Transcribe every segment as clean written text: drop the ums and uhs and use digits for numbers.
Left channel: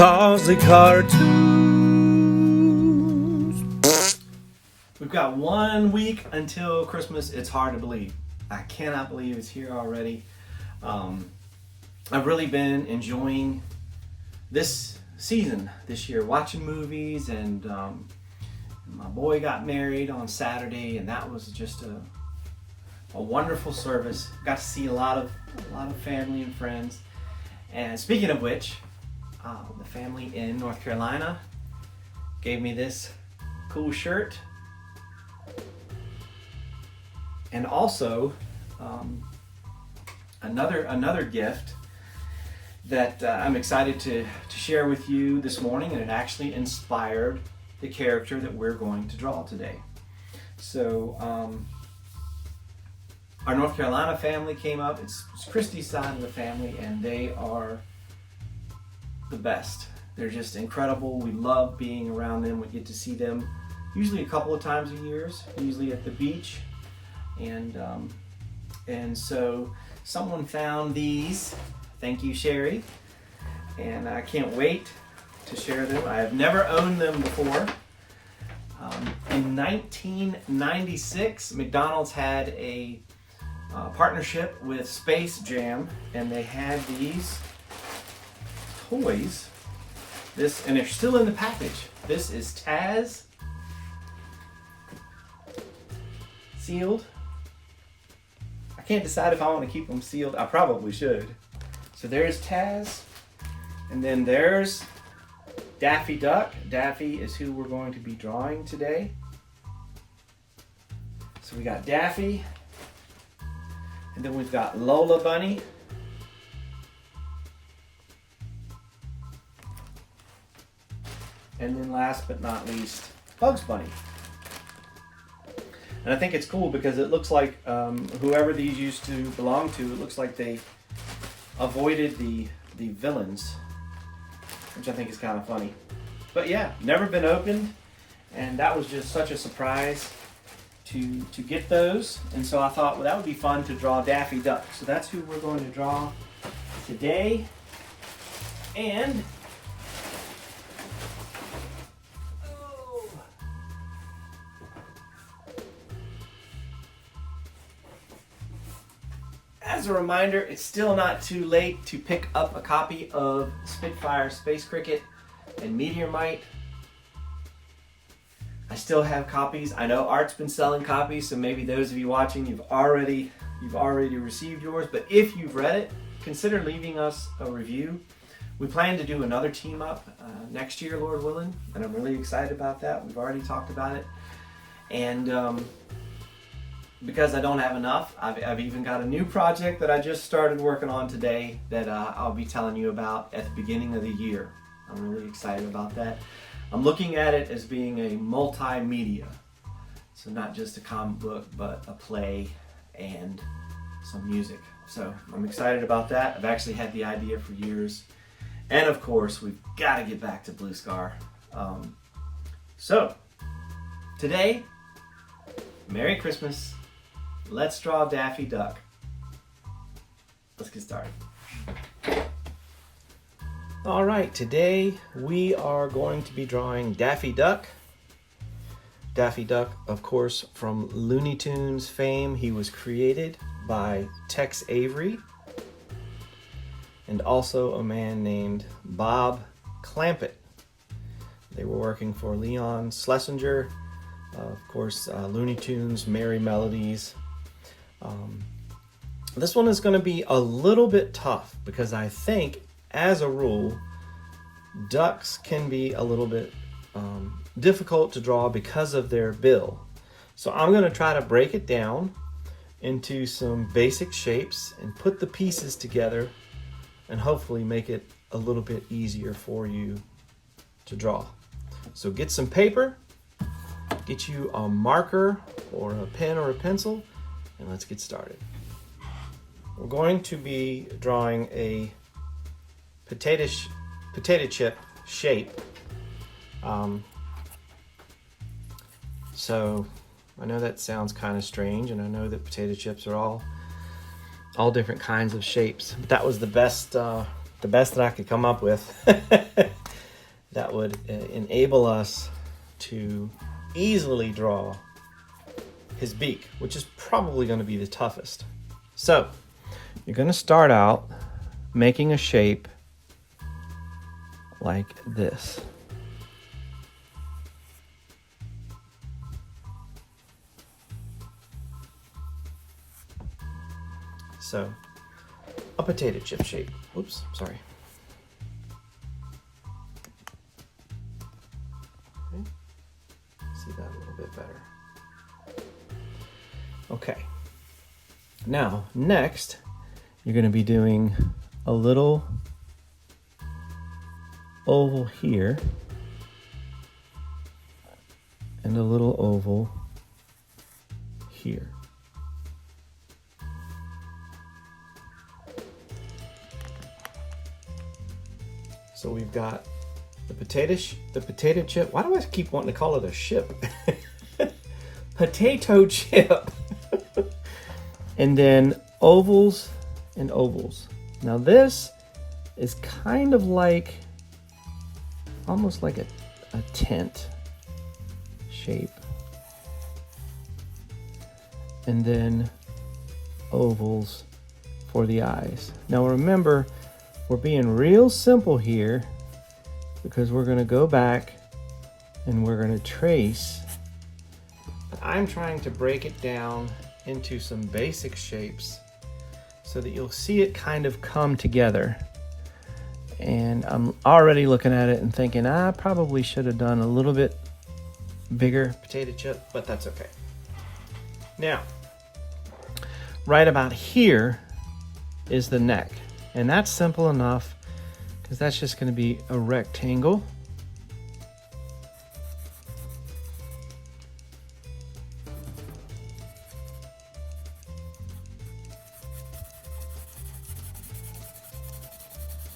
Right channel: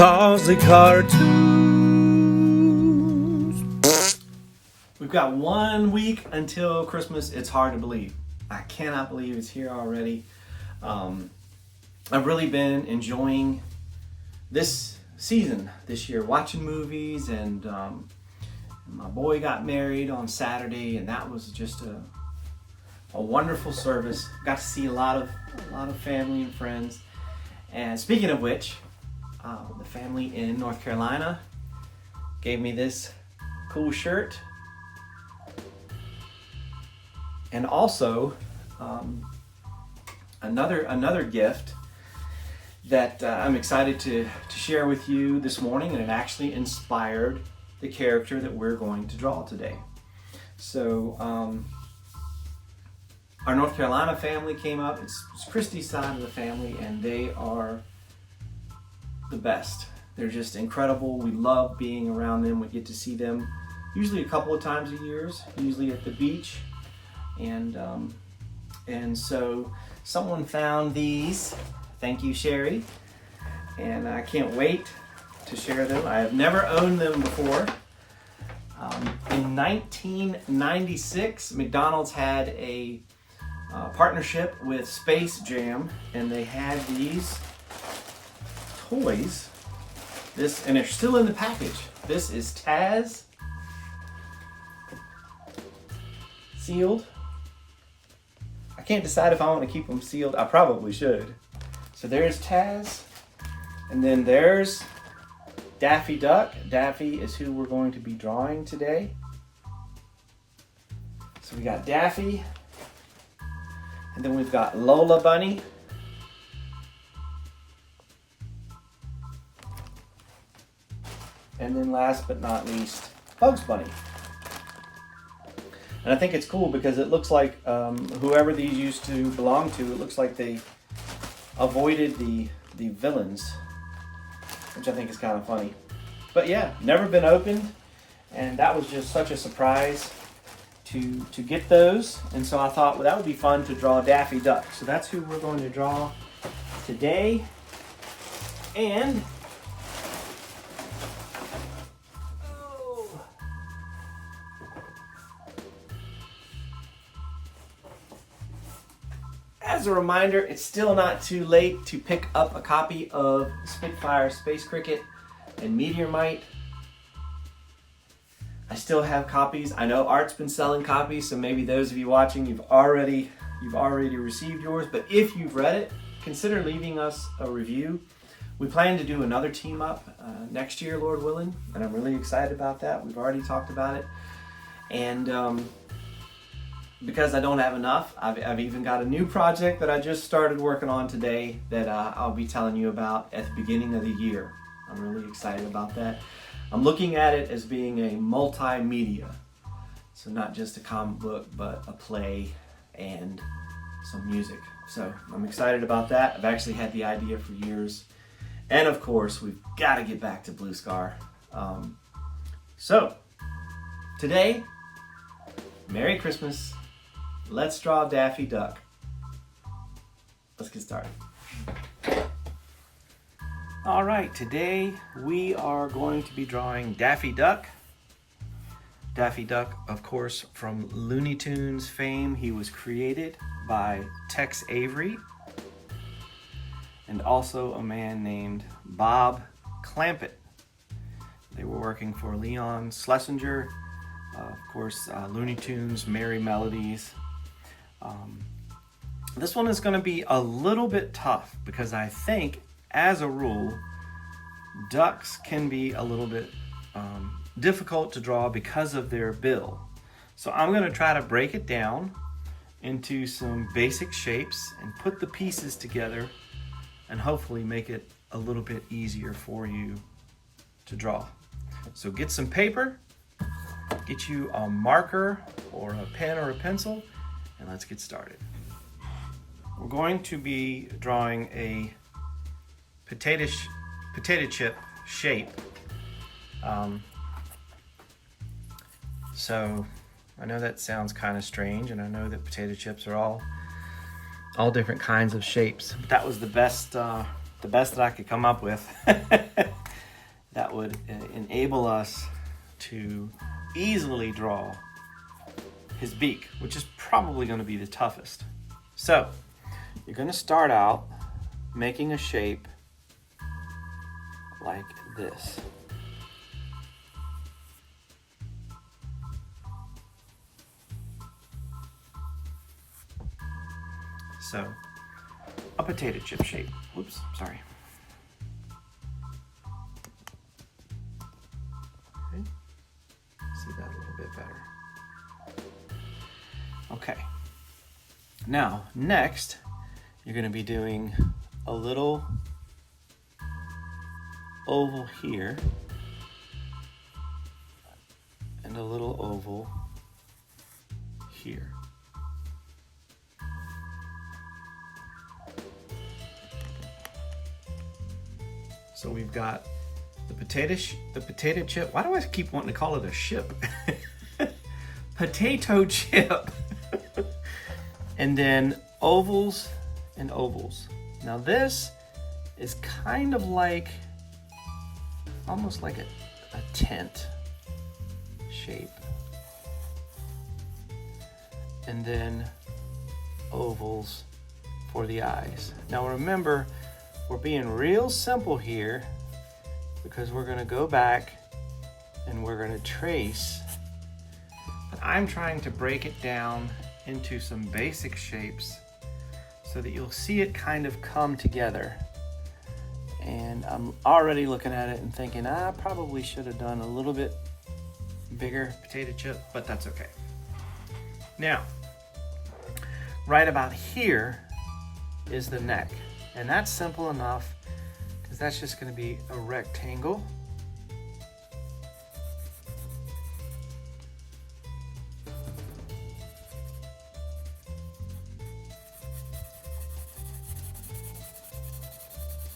Cosy cartoons. We've got 1 week until Christmas. It's hard to believe. I cannot believe it's here already. I've really been enjoying this season this year, watching movies, and my boy got married on Saturday, and that was just a wonderful service. Got to see a lot of family and friends. And speaking of which, the family in North Carolina gave me this cool shirt, and also another gift that I'm excited to share with you this morning, and it actually inspired the character that we're going to draw today. So our North Carolina family came up. It's Christy's side of the family, and they are the best. They're just incredible. We love being around them. We get to see them usually a couple of times a year, usually at the beach. And so someone found these. Thank you, Sherry. And I can't wait to share them. I have never owned them before. In 1996, McDonald's had a partnership with Space Jam, and they had these toys. And they're still in the package. This is Taz, sealed. I can't decide if I want to keep them sealed. I probably should. So there's Taz, and then there's Daffy Duck. Daffy is who we're going to be drawing today. So we got Daffy, and then we've got Lola Bunny. And then last but not least, Bugs Bunny. And I think it's cool because it looks like whoever these used to belong to, it looks like they avoided the villains, which I think is kind of funny. But yeah, never been opened, and that was just such a surprise to get those. And so I thought, well, that would be fun to draw Daffy Duck. So that's who we're going to draw today. And as a reminder, it's still not too late to pick up a copy of Spitfire, Space Cricket, and Meteorite. I still have copies. I know Art's been selling copies, so maybe those of you watching, you've already received yours. But if you've read it, consider leaving us a review. We plan to do another team up next year, Lord willing, and I'm really excited about that. We've already talked about it, and because I don't have enough, I've even got a new project that I just started working on today that I'll be telling you about at the beginning of the year. I'm really excited about that. I'm looking at it as being a multimedia. So not just a comic book, but a play and some music. So I'm excited about that. I've actually had the idea for years. And of course, we've got to get back to Blue Scar. So today, Merry Christmas. Let's draw Daffy Duck. Let's get started. All right, today we are going to be drawing Daffy Duck. Daffy Duck, of course, from Looney Tunes fame. He was created by Tex Avery and also a man named Bob Clampett. They were working for Leon Schlesinger, of course, Looney Tunes, Merry Melodies. This one is going to be a little bit tough because I think, as a rule, ducks can be a little bit difficult to draw because of their bill. So I'm going to try to break it down into some basic shapes and put the pieces together and hopefully make it a little bit easier for you to draw. So get some paper, get you a marker or a pen or a pencil, and let's get started. We're going to be drawing a potato chip shape. So I know that sounds kind of strange, and I know that potato chips are all different kinds of shapes. But that was the best that I could come up with. that would enable us to easily draw his beak, which is probably going to be the toughest. So you're going to start out making a shape like this. So a potato chip shape. Oops, sorry. Okay. See that a little bit better. Okay. Now, next, you're going to be doing a little oval here and a little oval here. So we've got the potato chip. Why do I keep wanting to call it a ship? Potato chip. And then ovals and ovals. Now this is kind of like, almost like a tent shape. And then ovals for the eyes. Now remember, we're being real simple here because we're going to go back and we're going to trace. But I'm trying to break it down into some basic shapes so that you'll see it kind of come together. And I'm already looking at it and thinking, I probably should have done a little bit bigger potato chip, but that's okay. Now, right about here is the neck. And that's simple enough because that's just going to be a rectangle.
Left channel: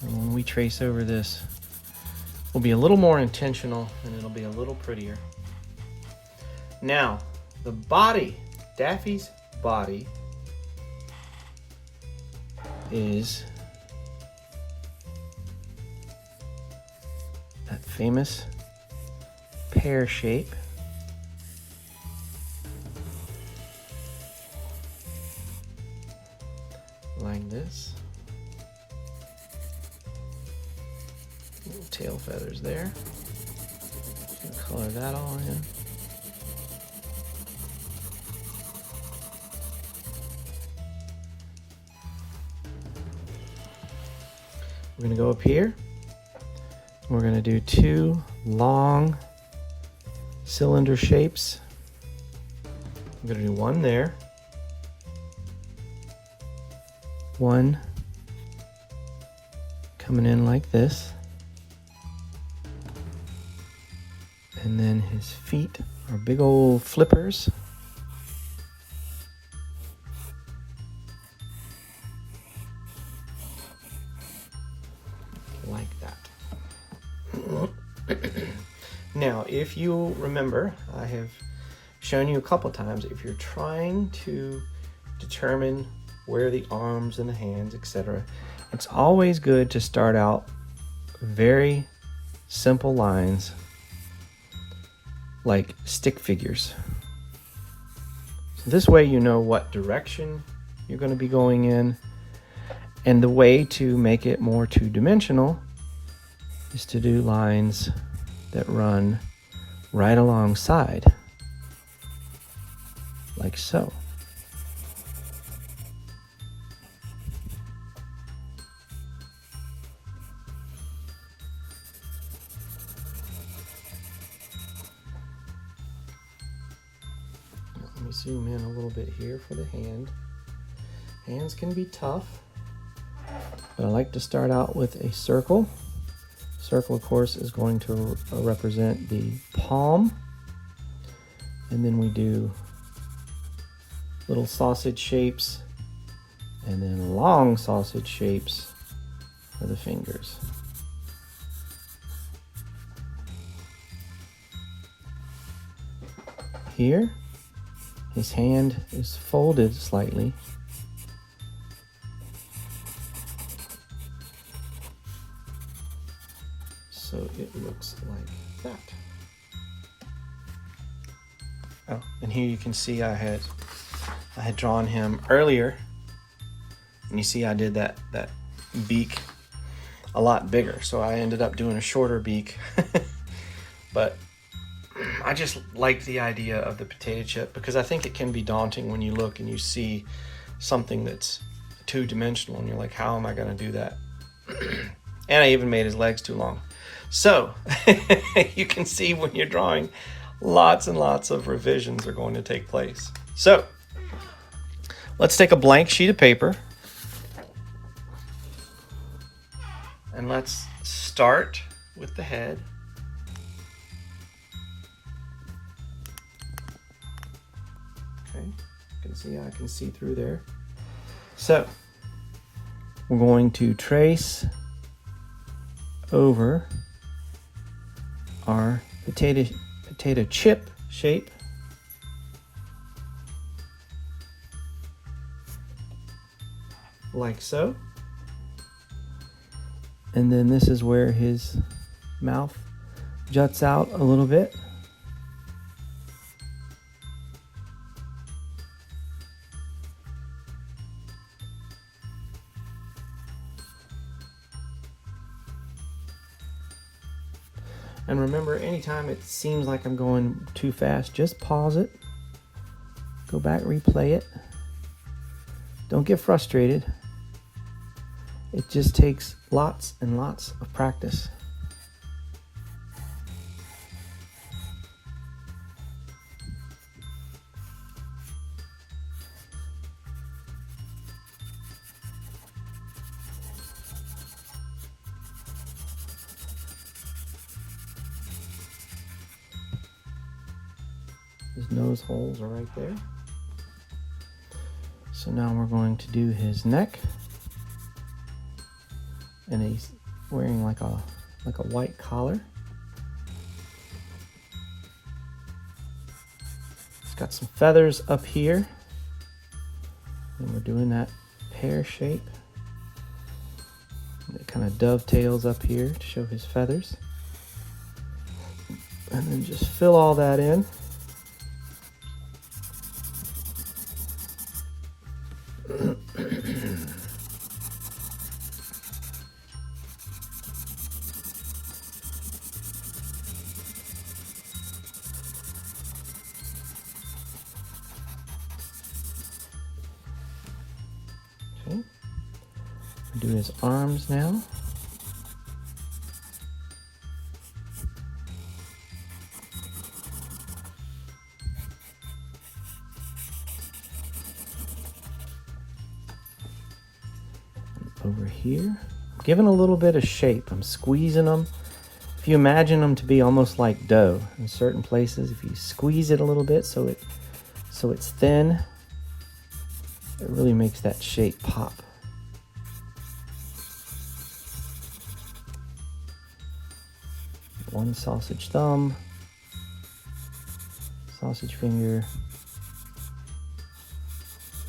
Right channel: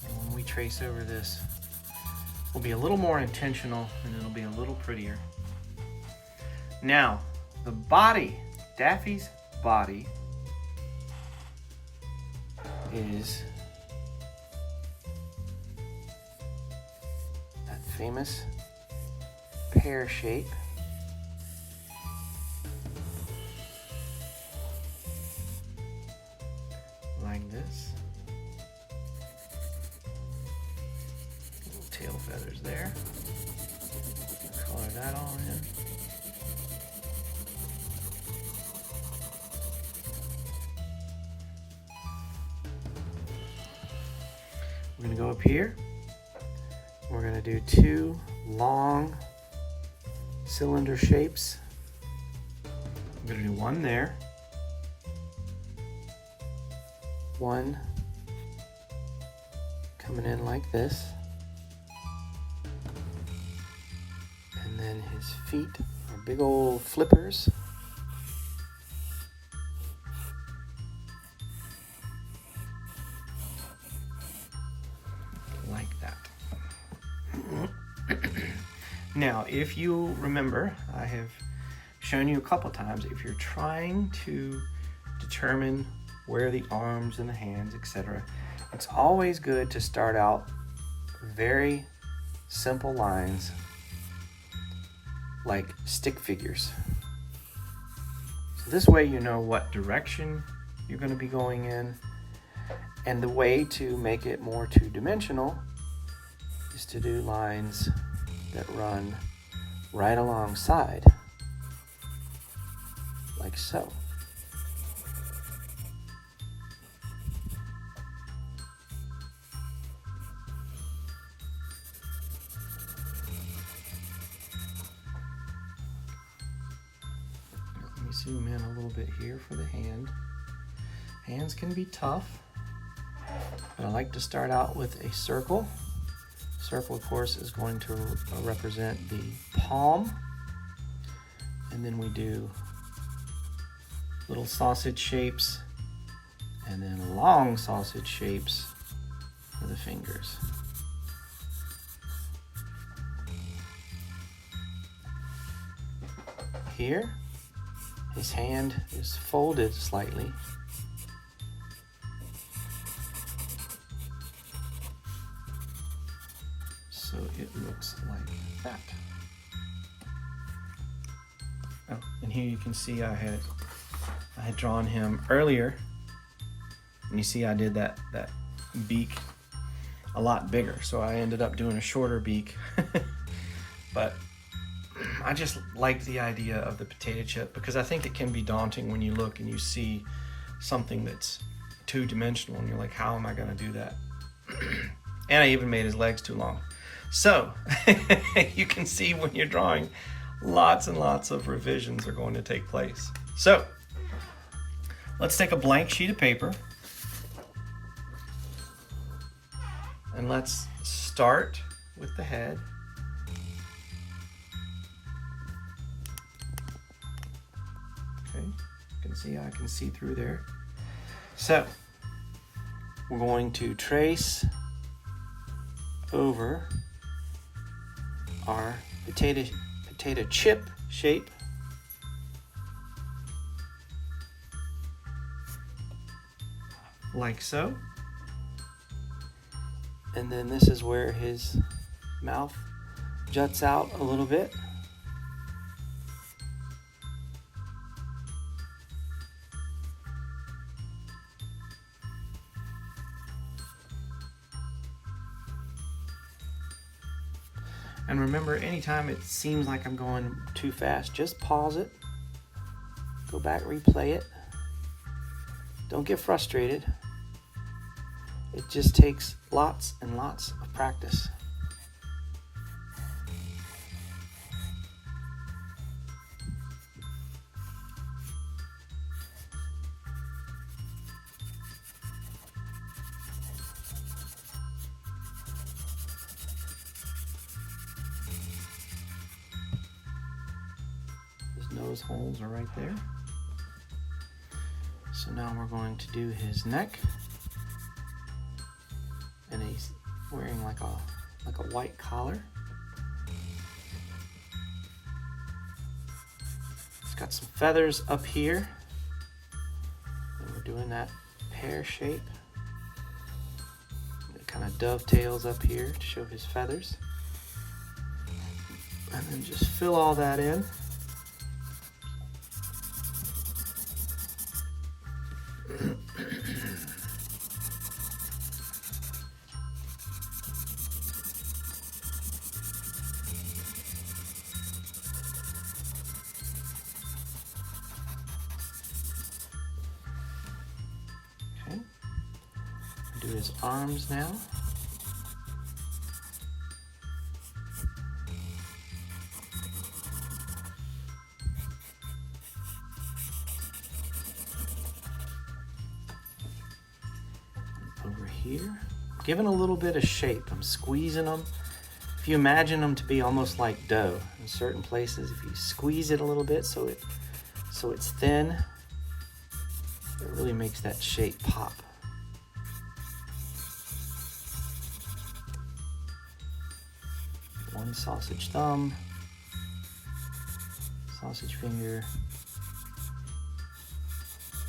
And when we trace over this, we'll be a little more intentional and it'll be a little prettier. Now, the body, Daffy's body is that famous pear shape. Like this. Little tail feathers there. Color that all in. We're going to go up here. We're going to do two long cylinder shapes. I'm going to do one there. One coming in like this. And then his feet are big old flippers. Like that. Now, if you remember, I have shown you a couple times, if you're trying to determine where the arms and the hands, etc., it's always good to start out very simple lines like stick figures. So this way you know what direction you're going to be going in. And the way to make it more two-dimensional is to do lines that run right alongside, like so. Let me zoom in a little bit here for the hand. Hands can be tough, but I like to start out with a circle. Circle, of course, is going to represent the palm. And then we do little sausage shapes and then long sausage shapes for the fingers. Here, his hand is folded slightly. So it looks like that. Oh, and here you can see I had drawn him earlier, and you see I did that beak a lot bigger, so I ended up doing a shorter beak. But I just like the idea of the potato chip because I think it can be daunting when you look and you see something that's two-dimensional and you're like, how am I going to do that? And I even made his legs too long. So you can see when you're drawing, lots and lots of revisions are going to take place. So let's take a blank sheet of paper and let's start with the head. Okay, I can see through there. So we're going to trace over our potato chip shape. Like so. And then this is where his mouth juts out a little bit. And remember, anytime it seems like I'm going too fast, just pause it, go back, replay it. Don't get frustrated. It just takes lots and lots of practice. His nose holes are right there. So now we're going to do his neck. And he's wearing like a white collar. He's got some feathers up here. And we're doing that pear shape. And it kind of dovetails up here to show his feathers. And then just fill all that in. Okay, do his arms now. Over here, giving a little bit of shape. I'm squeezing them. If you imagine them to be almost like dough in certain places, if you squeeze it a little bit so it's thin, it really makes that shape pop. One sausage thumb, sausage finger,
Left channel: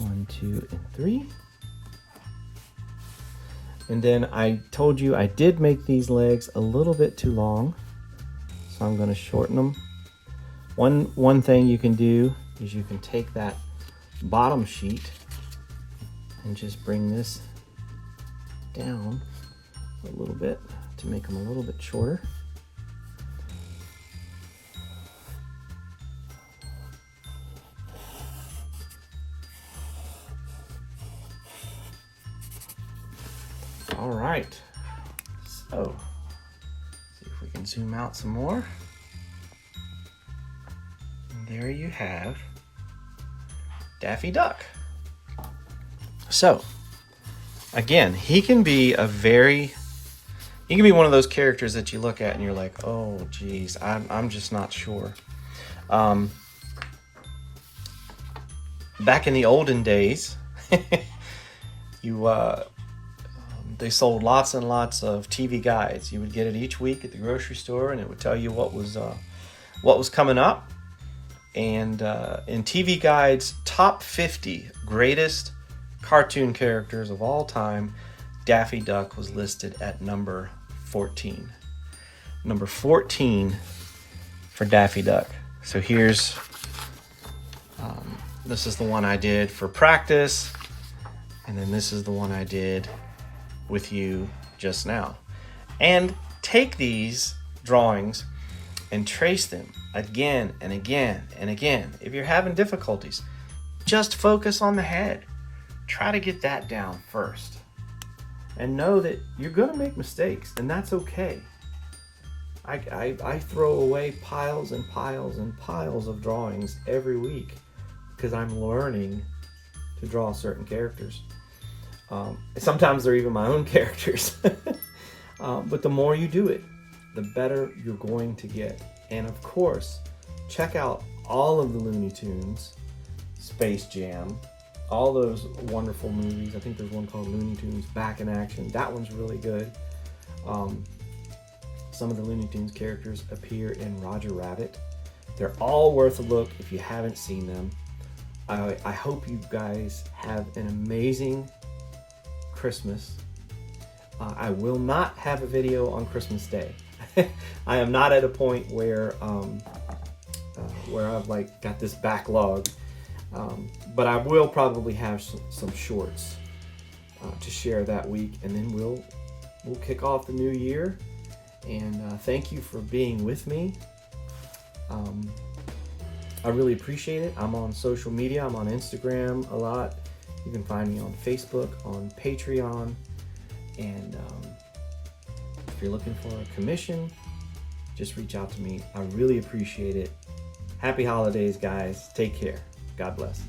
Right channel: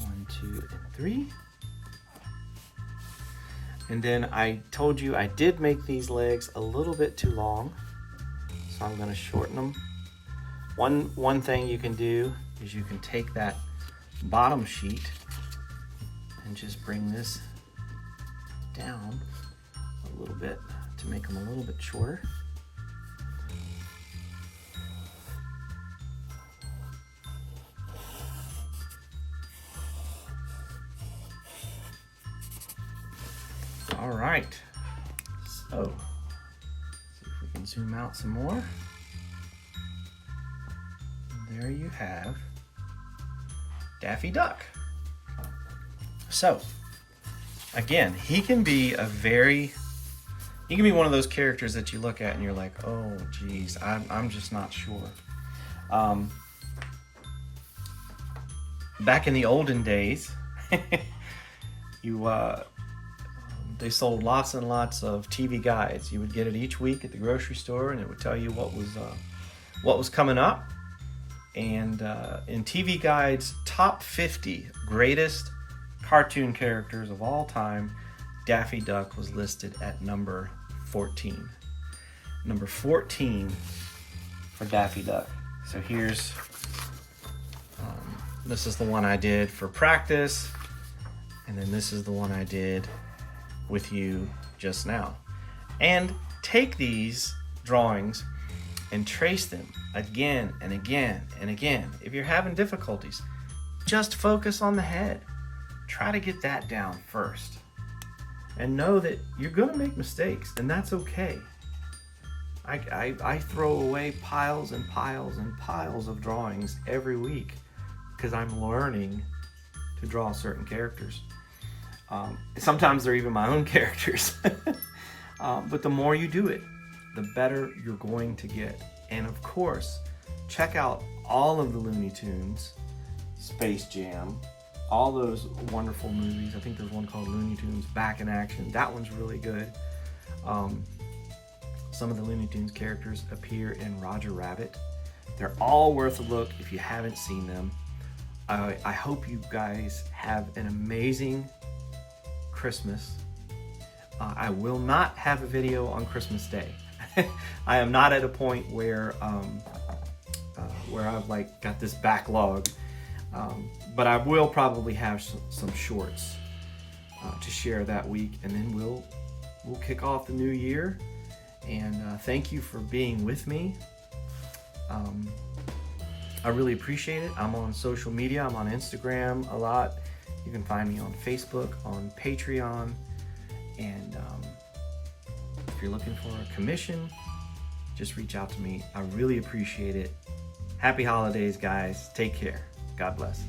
1, 2, and 3. And then I told you I did make these legs a little bit too long, so I'm going to shorten them. One thing you can do is you can take that bottom sheet and just bring this down a little bit to make them a little bit shorter. All right, so see if we can zoom out some more. And there you have Daffy Duck. So again, he can be one of those characters that you look at and you're like, oh geez, I'm just not sure. Back in the olden days, they sold lots and lots of TV guides. You would get it each week at the grocery store, and it would tell you what was coming up. And in TV Guide's top 50 greatest cartoon characters of all time, Daffy Duck was listed at number 14. number 14 for Daffy Duck. So here's, this is the one I did for practice, and then this is the one I did with you just now. And take these drawings and trace them again and again and again. If you're having difficulties, just focus on the head. Try to get that down first. And know that you're gonna make mistakes, and that's okay. I throw away piles and piles and piles of drawings every week because I'm learning to draw certain characters. Sometimes they're even my own characters. But the more you do it, the better you're going to get. And of course, check out all of the Looney Tunes, Space Jam, all those wonderful movies. I think there's one called Looney Tunes Back in Action. That one's really good. Some of the Looney Tunes characters appear in Roger Rabbit. They're all worth a look if you haven't seen them. I hope you guys have an amazing Christmas. I will not have a video on Christmas Day. I am not at a point where I've like got this backlog, but I will probably have some shorts to share that week, and then we'll kick off the new year. And thank you for being with me. I really appreciate it. I'm on social media. I'm on Instagram a lot. You can find me on Facebook, on Patreon. And if you're looking for a commission, just reach out to me. I really appreciate it. Happy holidays, guys. Take care. God bless.